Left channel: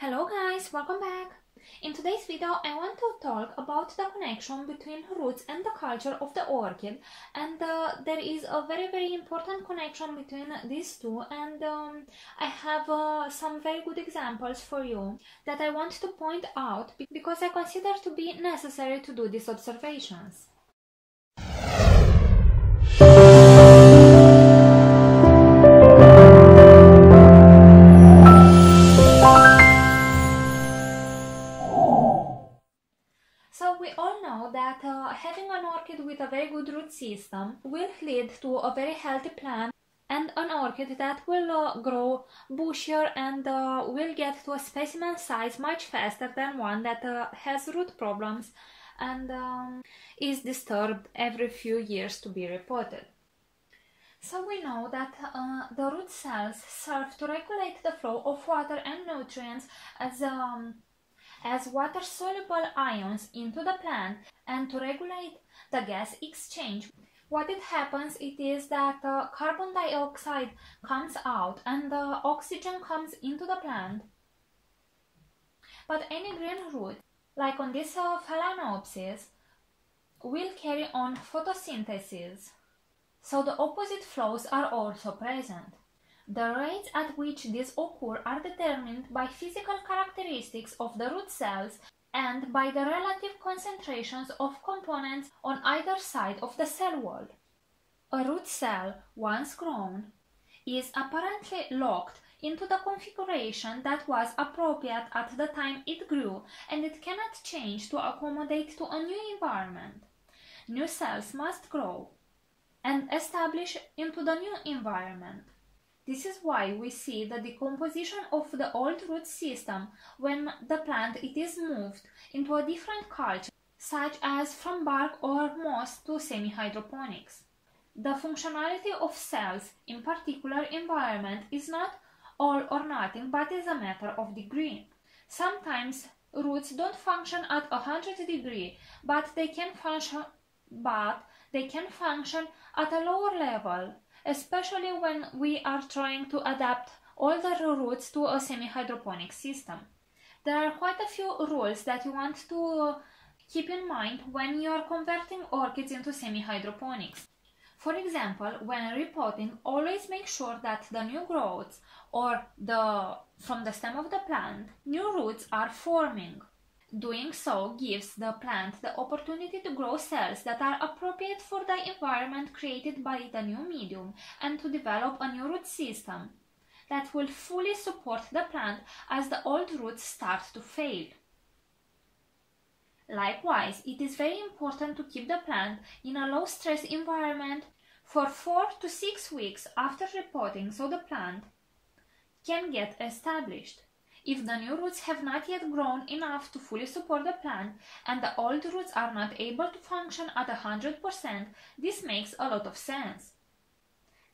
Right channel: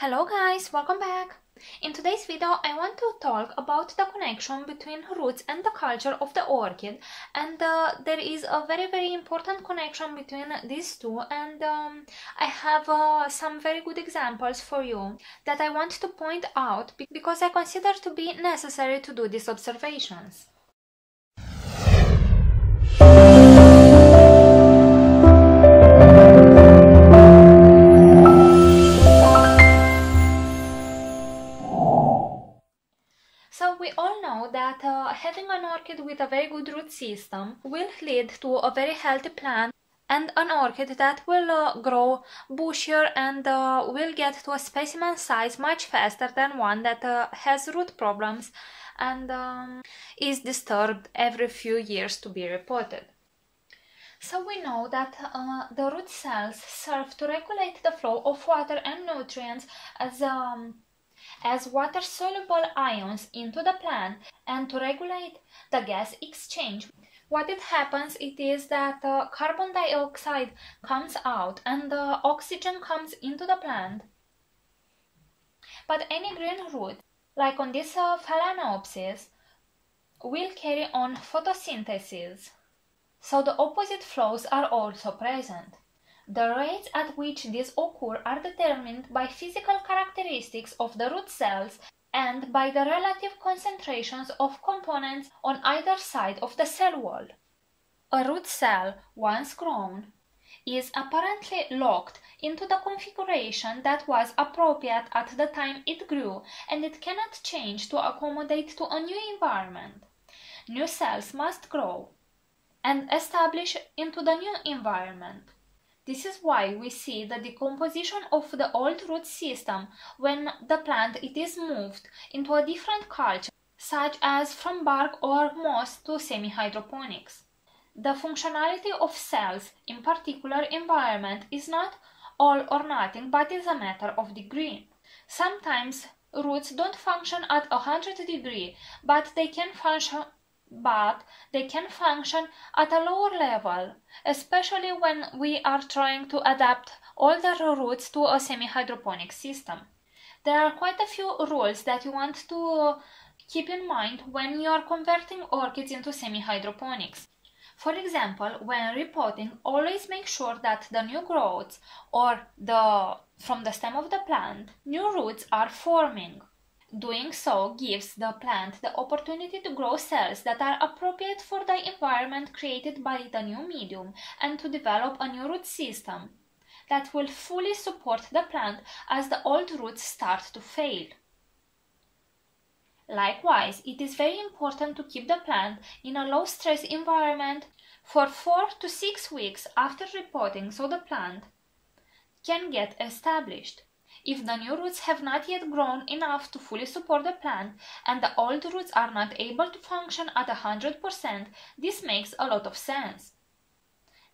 Hello guys, welcome back! In today's video I want to talk about the connection between roots and the culture of the orchid, and there is a very important connection between these two, and I have some very good examples for you that I want to point out because I consider to be necessary to do these observations. So we all know that having an orchid with a very good root system will lead to a very healthy plant and an orchid that will grow bushier and will get to a specimen size much faster than one that has root problems and is disturbed every few years to be repotted. So we know that the root cells serve to regulate the flow of water and nutrients as water-soluble ions into the plant and to regulate the gas exchange. What it happens is that carbon dioxide comes out and oxygen comes into the plant. But any green root, like on this phalaenopsis, will carry on photosynthesis. So the opposite flows are also present. The rates at which these occur are determined by physical characteristics of the root cells and by the relative concentrations of components on either side of the cell wall. A root cell, once grown, is apparently locked into the configuration that was appropriate at the time it grew, and it cannot change to accommodate to a new environment. New cells must grow and establish into the new environment. This is why we see the decomposition of the old root system when the plant is moved into a different culture, such as from bark or moss to semi-hydroponics. The functionality of cells in particular environment is not all or nothing, but is a matter of degree. Sometimes roots don't function at 100 degrees, but they can function at a lower level, especially when we are trying to adapt older roots to a semi-hydroponic system. There are quite a few rules that you want to keep in mind when you are converting orchids into semi-hydroponics. For example, when repotting, always make sure that the new growths or from the stem of the plant, new roots are forming. Doing so gives the plant the opportunity to grow cells that are appropriate for the environment created by the new medium and to develop a new root system that will fully support the plant as the old roots start to fail. Likewise, it is very important to keep the plant in a low-stress environment for 4 to 6 weeks after repotting so the plant can get established. If the new roots have not yet grown enough to fully support the plant and the old roots are not able to function at 100%, this makes a lot of sense.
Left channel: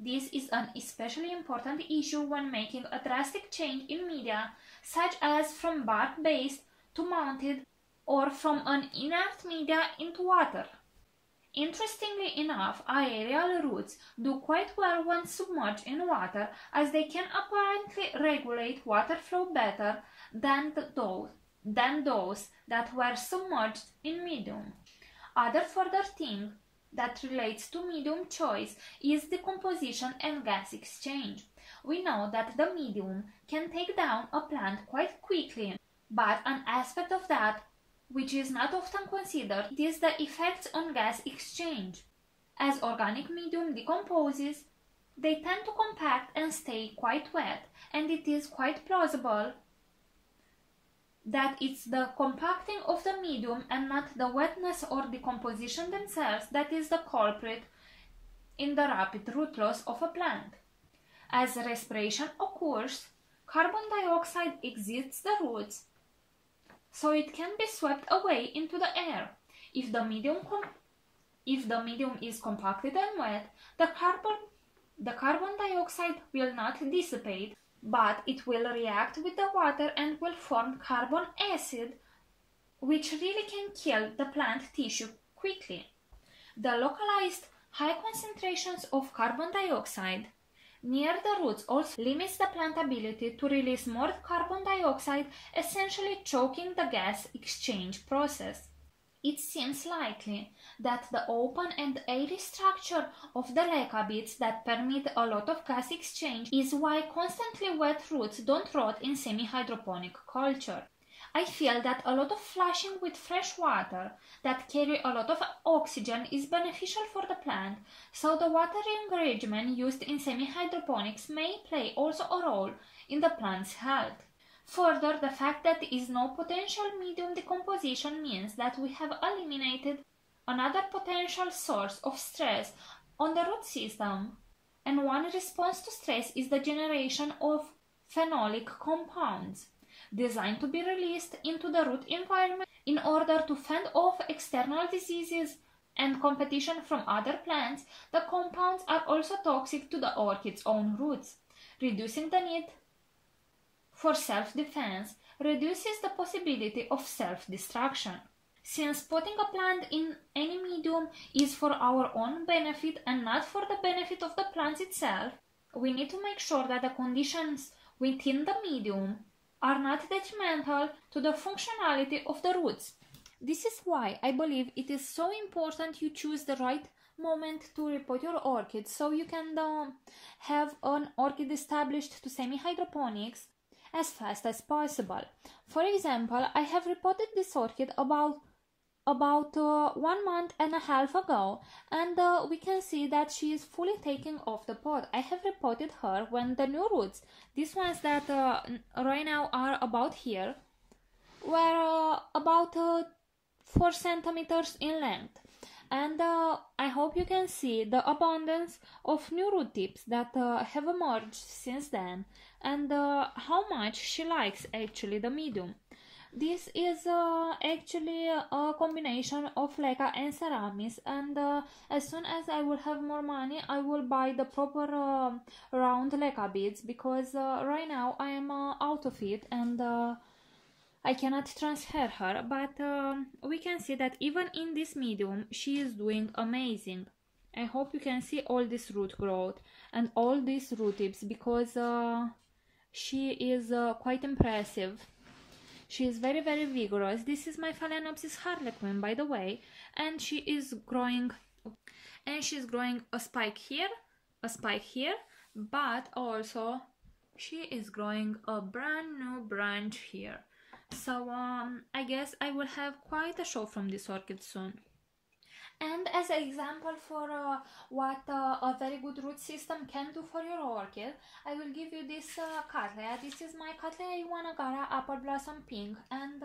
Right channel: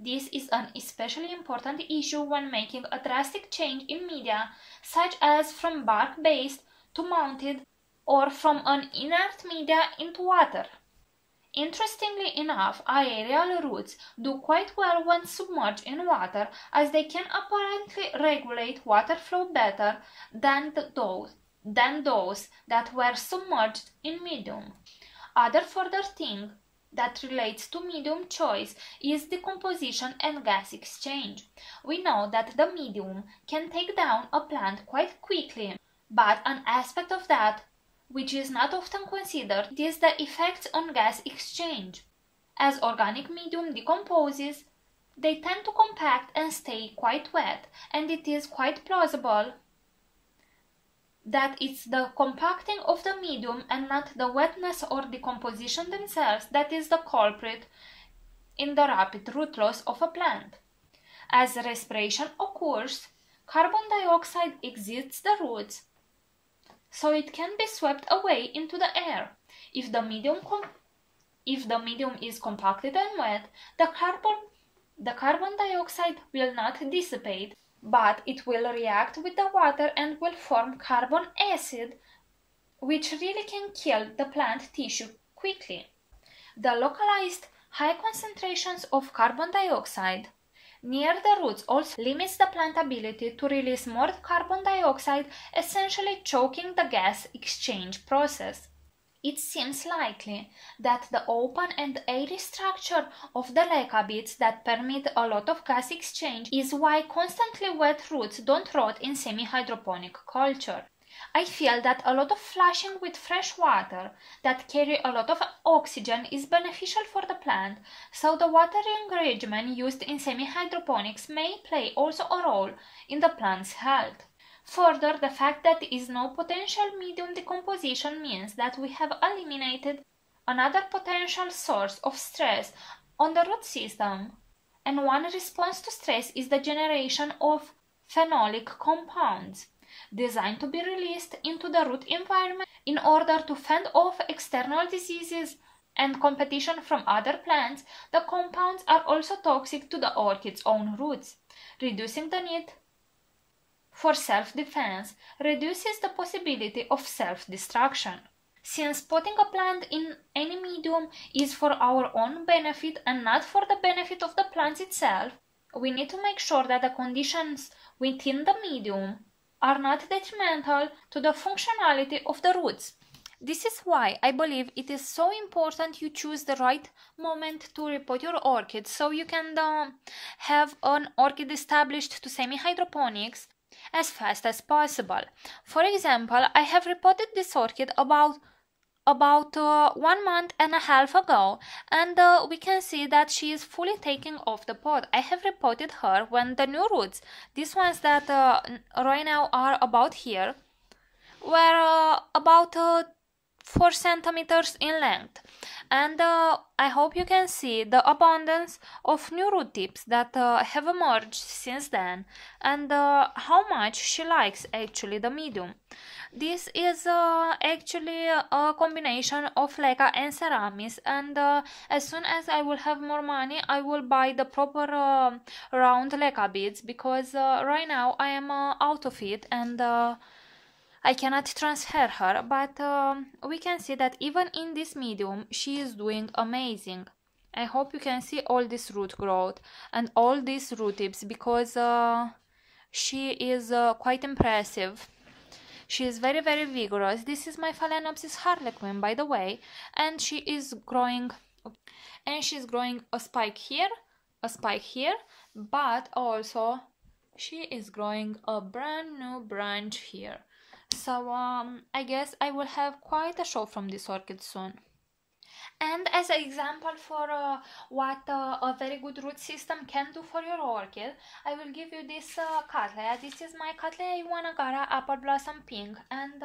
This is an especially important issue when making a drastic change in media, such as from bark-based to mounted or from an inert media into water. Interestingly enough, aerial roots do quite well when submerged in water, as they can apparently regulate water flow better than those that were submerged in medium. Other further thing that relates to medium choice is decomposition and gas exchange. We know that the medium can take down a plant quite quickly, but an aspect of that which is not often considered is the effects on gas exchange. As organic medium decomposes, they tend to compact and stay quite wet, and it is quite plausible that it's the compacting of the medium and not the wetness or decomposition themselves that is the culprit in the rapid root loss of a plant. As respiration occurs, carbon dioxide exits the roots, so it can be swept away into the air. If the medium is compacted and wet, the carbon dioxide will not dissipate, but it will react with the water and will form carbon acid, which really can kill the plant tissue quickly. The localized high concentrations of carbon dioxide near the roots also limits the plant ability to release more carbon dioxide, essentially choking the gas exchange process. It seems likely that the open and airy structure of the leca beds that permit a lot of gas exchange is why constantly wet roots don't rot in semi-hydroponic culture. I feel that a lot of flushing with fresh water that carry a lot of oxygen is beneficial for the plant, so the watering regimen used in semi-hydroponics may play also a role in the plant's health. Further, the fact that there is no potential medium decomposition means that we have eliminated another potential source of stress on the root system, and one response to stress is the generation of phenolic compounds designed to be released into the root environment in order to fend off external diseases and competition from other plants. The compounds are also toxic to the orchid's own roots. Reducing the need for self-defense reduces the possibility of self-destruction. Since potting a plant in any medium is for our own benefit and not for the benefit of the plant itself, we need to make sure that the conditions within the medium are not detrimental to the functionality of the roots. This is why I believe it is so important you choose the right moment to repot your orchid, so you can have an orchid established to semi-hydroponics as fast as possible. For example, I have repotted this orchid about 1 month and a half ago, and we can see that she is fully taking off the pot. I have repotted her when the new roots, these ones that right now are about here, were about 4 centimeters in length, and I hope you can see the abundance of new root tips that have emerged since then, and how much she likes actually the medium. This is actually a combination of leca and ceramis, and as soon as I will have more money I will buy the proper round leca beads, because right now I am out of it and I cannot transfer her, but we can see that even in this medium she is doing amazing. I hope you can see all this root growth and all these root tips, because she is quite impressive. She is very vigorous. This is my Phalaenopsis harlequin, by the way, and she is growing, she's growing a spike here, but also she is growing a brand new branch here. So I guess I will have quite a show from this orchid soon. And as an example for what a very good root system can do for your orchid, I will give you this Cattleya. This is my Cattleya Iwanagara Apple Blossom Pink, and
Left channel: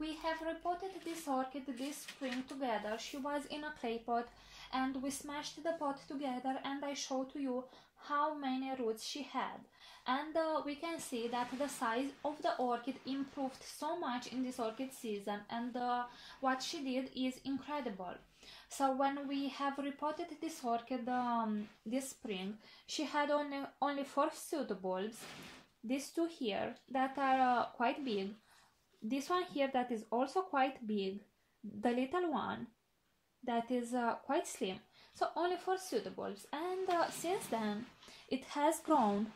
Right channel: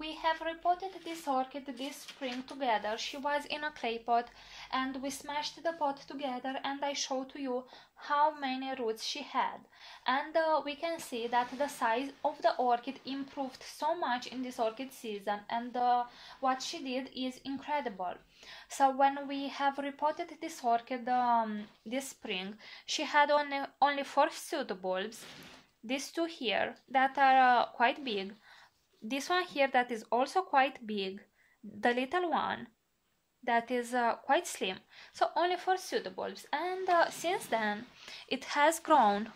we have repotted this orchid this spring together. She was in a clay pot and we smashed the pot together, and I showed to you how many roots she had, and we can see that the size of the orchid improved so much in this orchid season, and what she did is incredible. So when we have repotted this orchid this spring, she had only 4 pseudobulbs. These 2 here that are quite big, this one here that is also quite big, the little one that is quite slim. So only 4 pseudobulbs, and since then it has grown,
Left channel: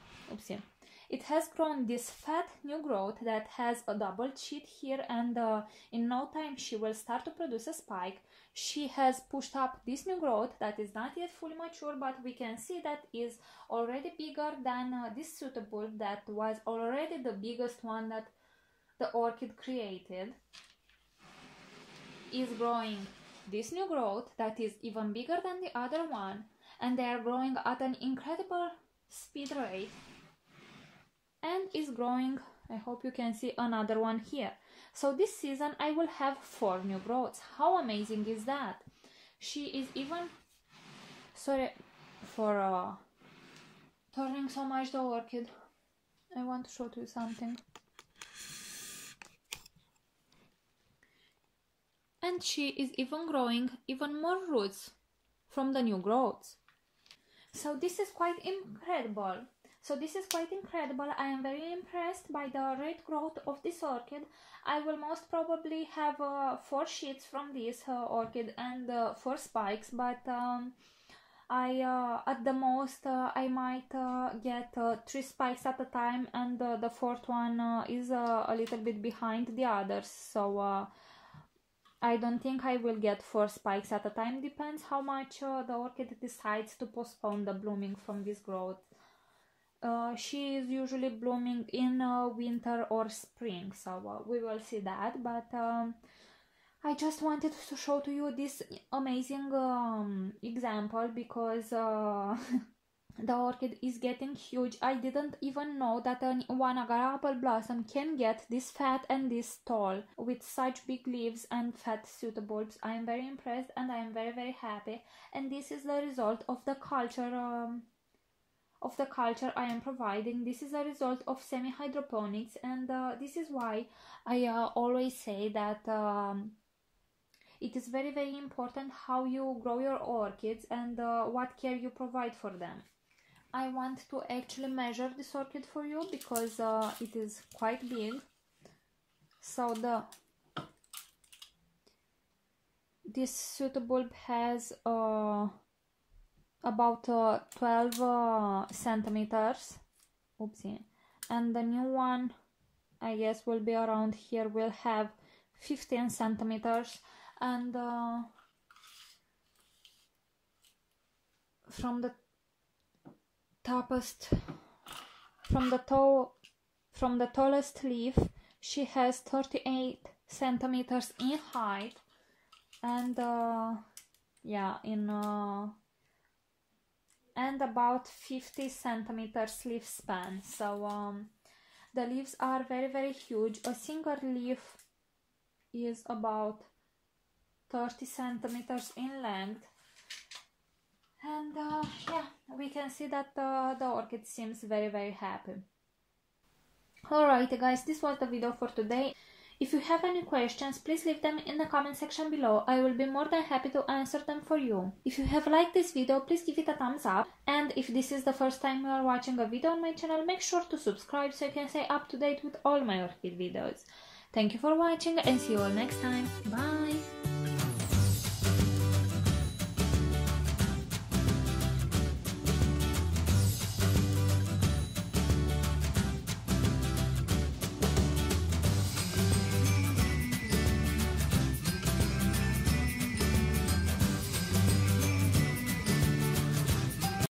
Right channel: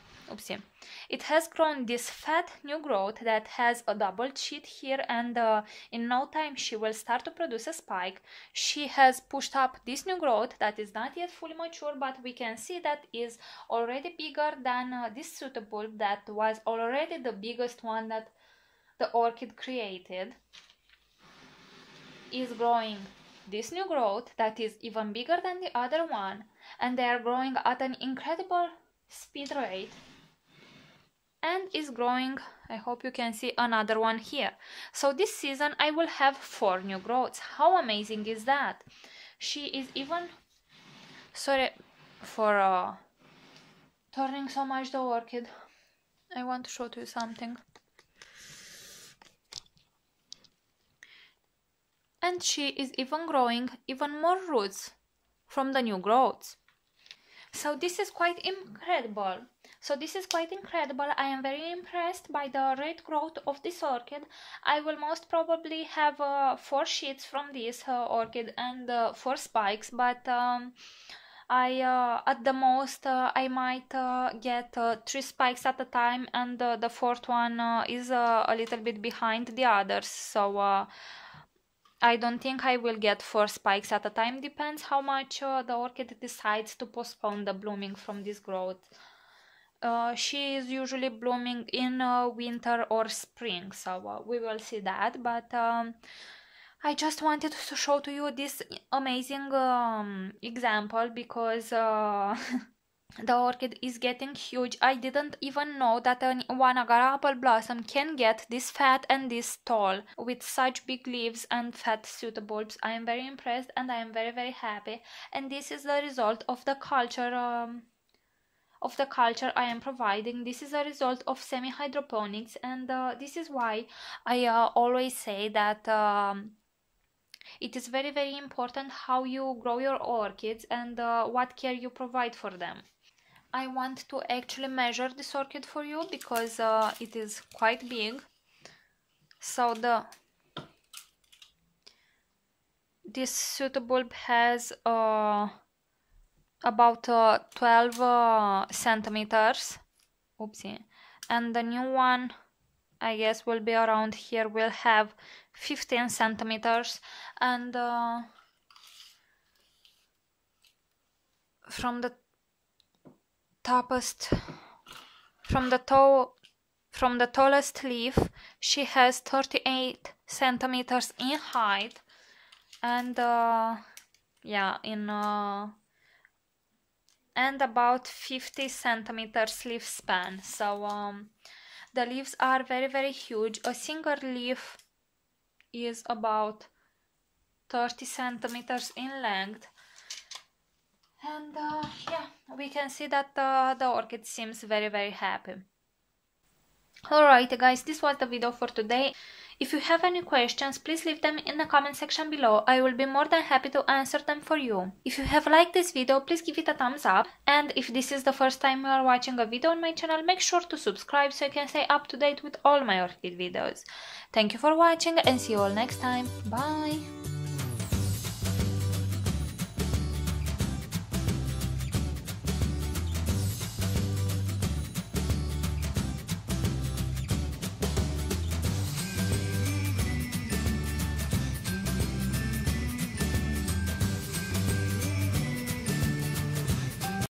it has grown this fat new growth that has a double sheet here, and in no time she will start to produce a spike. She has pushed up this new growth that is not yet fully mature, but we can see that is already bigger than this pseudobulb that was already the biggest one that the orchid created. Is growing this new growth that is even bigger than the other one, and they are growing at an incredible speed rate, and is growing, I hope you can see another one here. So this season I will have 4 new growths. How amazing is that? She is even, sorry for turning so much the orchid, I want to show to you something. And she is even growing even more roots from the new growths. So this is quite incredible. I am very impressed by the rate growth of this orchid. I will most probably have 4 sheets from this orchid and 4 spikes, but At the most I might get 3 spikes at a time, and the fourth one is a little bit behind the others, so I don't think I will get 4 spikes at a time. Depends how much the orchid decides to postpone the blooming from this growth. She is usually blooming in winter or spring, so we will see that, but I just wanted to show to you this amazing example because the orchid is getting huge. I didn't even know that one agar apple blossom can get this fat and this tall with such big leaves and fat pseudobulbs. I am very impressed and I am very, very happy, and this is the result of the culture I am providing. This is a result of semi-hydroponics, and this is why I always say that it is very, very important how you grow your orchids and what care you provide for them. I want to actually measure this orchid for you because it is quite big. So this pseudobulb has about 12 centimeters. Oopsie. And the new one, I guess, will be around here, will have 15 centimeters, and from the tallest leaf she has 38 centimeters in height, and yeah, and about 50 centimeters leaf span. So the leaves are very, very huge. A single leaf is about 30 centimeters in length, and yeah, we can see that the orchid seems very, very happy. Alright guys, this was the video for today. If you have any questions, please leave them in the comment section below. I will be more than happy to answer them for you. If you have liked this video, please give it a thumbs up. And if this is the first time you are watching a video on my channel, make sure to subscribe so you can stay up to date with all my orchid videos. Thank you for watching and see you all next time. Bye!